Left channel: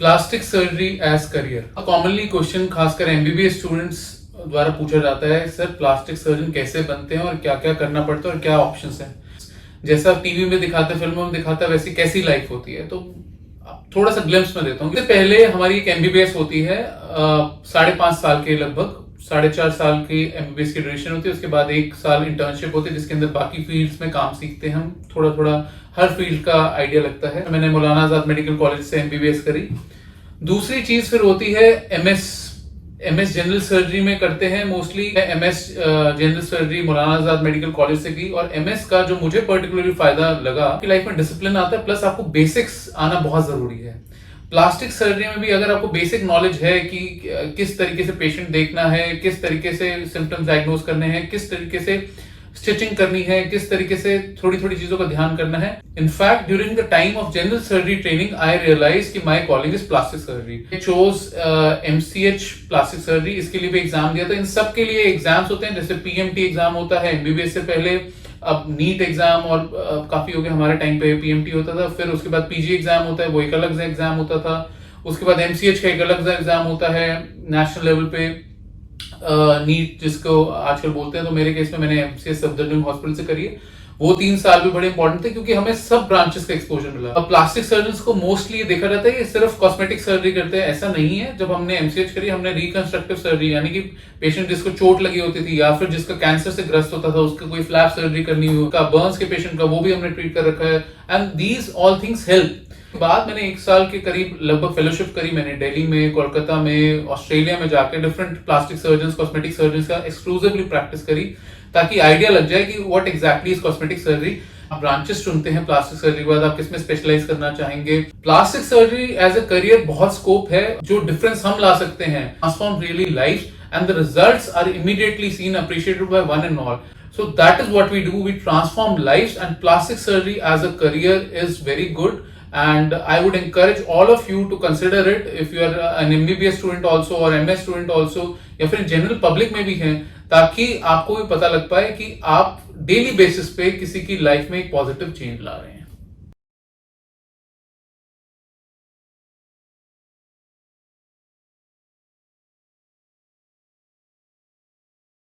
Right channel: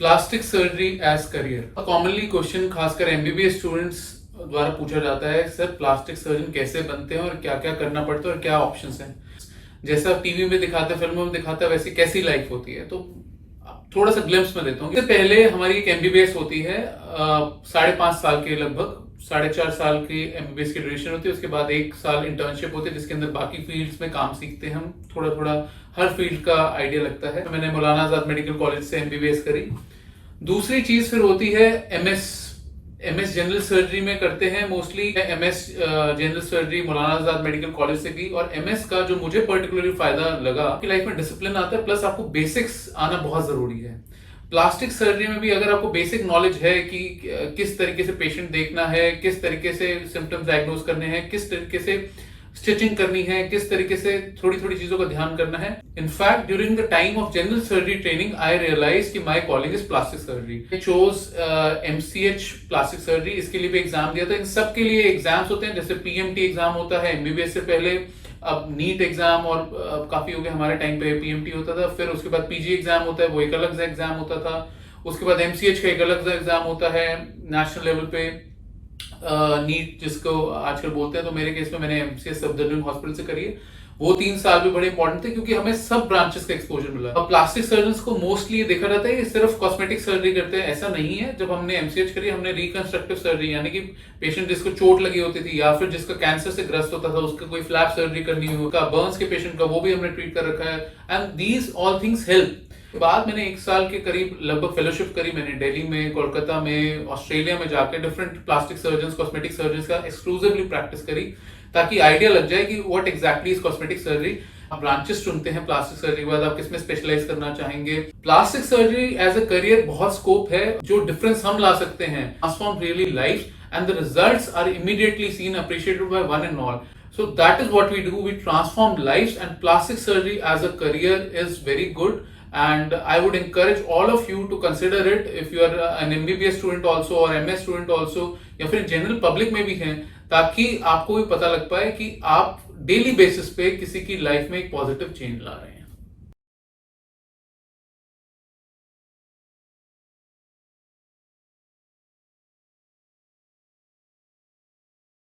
Plastic surgery as career commonly question खासकर MBBS students द्वारा पूछा जाता है, सर प्लास्टिक सर्जन कैसे बनते हैं और क्या क्या करना पड़ता है और क्या ऑप्शंस हैं। जैसा टीवी में दिखाते हैं, फिल्मों में दिखाता है, वैसी कैसी लाइफ होती है। तो थोड़ा सा ग्लिम्स में देता हूँ। इससे पहले हमारी एक एमबीबीएस होती है 5.5 साल के, लगभग 4.5 साल की एमबीबीएस की ड्यूरेशन होती है। उसके बाद 1 साल इंटर्नशिप होती है जिसके अंदर बाकी फील्ड्स में काम सीखते हैं हम। थोड़ा थोड़ा हर फील्ड का आइडिया लगता है। मैंने मौलाना आजाद मेडिकल कॉलेज से एमबीबीएस करी। दूसरी चीज फिर होती है एमएस जनरल सर्जरी में करते हैं mostly. MS general surgery Maulana Azad medical college से की। और एमएस का जो मुझे पर्टिकुलरली फायदा लगा कि लाइफ में डिसिप्लिन आता है, प्लस आपको बेसिक्स आना बहुत जरूरी है। प्लास्टिक सर्जरी में भी अगर आपको बेसिक नॉलेज है कि किस तरीके से पेशेंट देखना है, किस तरीके से सिम्टम्स डायग्नोज करने हैं, किस तरीके से स्टिचिंग करनी है, किस तरीके से थोड़ी थोड़ी चीजों का ध्यान करना है। In fact during the time of general surgery training I realise कि my calling is plastic surgery. Choose MCh plastic surgery, इसके लिए भी एग्जाम दिया था। इन सब के लिए एग्जाम्स होते हैं, जैसे पीएमटी एग्जाम होता है एमबीबीएस से पहले, अब नीट एग्जाम और काफी हो गया, हमारे टाइम पे पीएमटी होता था। फिर उसके बाद पीजी एग्जाम होता है, वो एक अलग एग्जाम होता था। उसके बाद एमसीएच का एक अलग एग्जाम होता है नेशनल लेवल पे, नीट जिसको आजकल बोलते हैं। तो मेरे केस में मैंने एमसीएस सफदरजंग हॉस्पिटल से करी है। वो 3 साल भी बड़े इंपॉर्टेंट थे क्योंकि हमें सब ब्रांचेस का एक्सपोजर मिला। अब प्लास्टिक सर्जन को मोस्टली देखा जाता है ये सिर्फ कॉस्मेटिक सर्जरी करते हैं, ऐसा नहीं है। जब हमने एमसीएच करी, हमने रिकंस्ट्रक्टिव सर्जरी, यानी कि पेशेंट जिसको चोट लगी होती थी या फिर जिसका कैंसर से ग्रस्त होता था, उसका कोई फ्लैप सर्जरी करनी हो, बर्न्स के पेशेंट का, वो भी हमने ट्रीट कर रखा है। And these all things help. बाद मैंने 1 साल के करीब लगभग फेलोशिप करी मैंने दिल्ली में, कोलकाता में, ऑस्ट्रेलिया में जाकर different plastic surgeon, cosmetic surgeon का एक्सक्लूसिवली प्रैक्टिस करी, ताकि आइडिया लग जाए कि what exactly is cosmetic surgery. आप ब्रांचेस चुनते हैं प्लास्टिक सर्जरी के बाद, आप किसमें स्पेशलाइज करना चाहेंगे। Plastic surgery as a career बहुत स्कोप है। जो डिफरेंस हम ला सकते हैं, transform really life and the results are immediately seen, appreciated by one and all. So that is what we do. We transform lives, and plastic surgery as a career is very good. And I would encourage all of you to consider it if you are an MBBS student also or MS student also, या फिर general public में भी हैं, ताकि आपको भी पता लग पाए कि आप डेली बेसिस पे किसी की लाइफ में एक पॉजिटिव चेंज ला रहे हैं।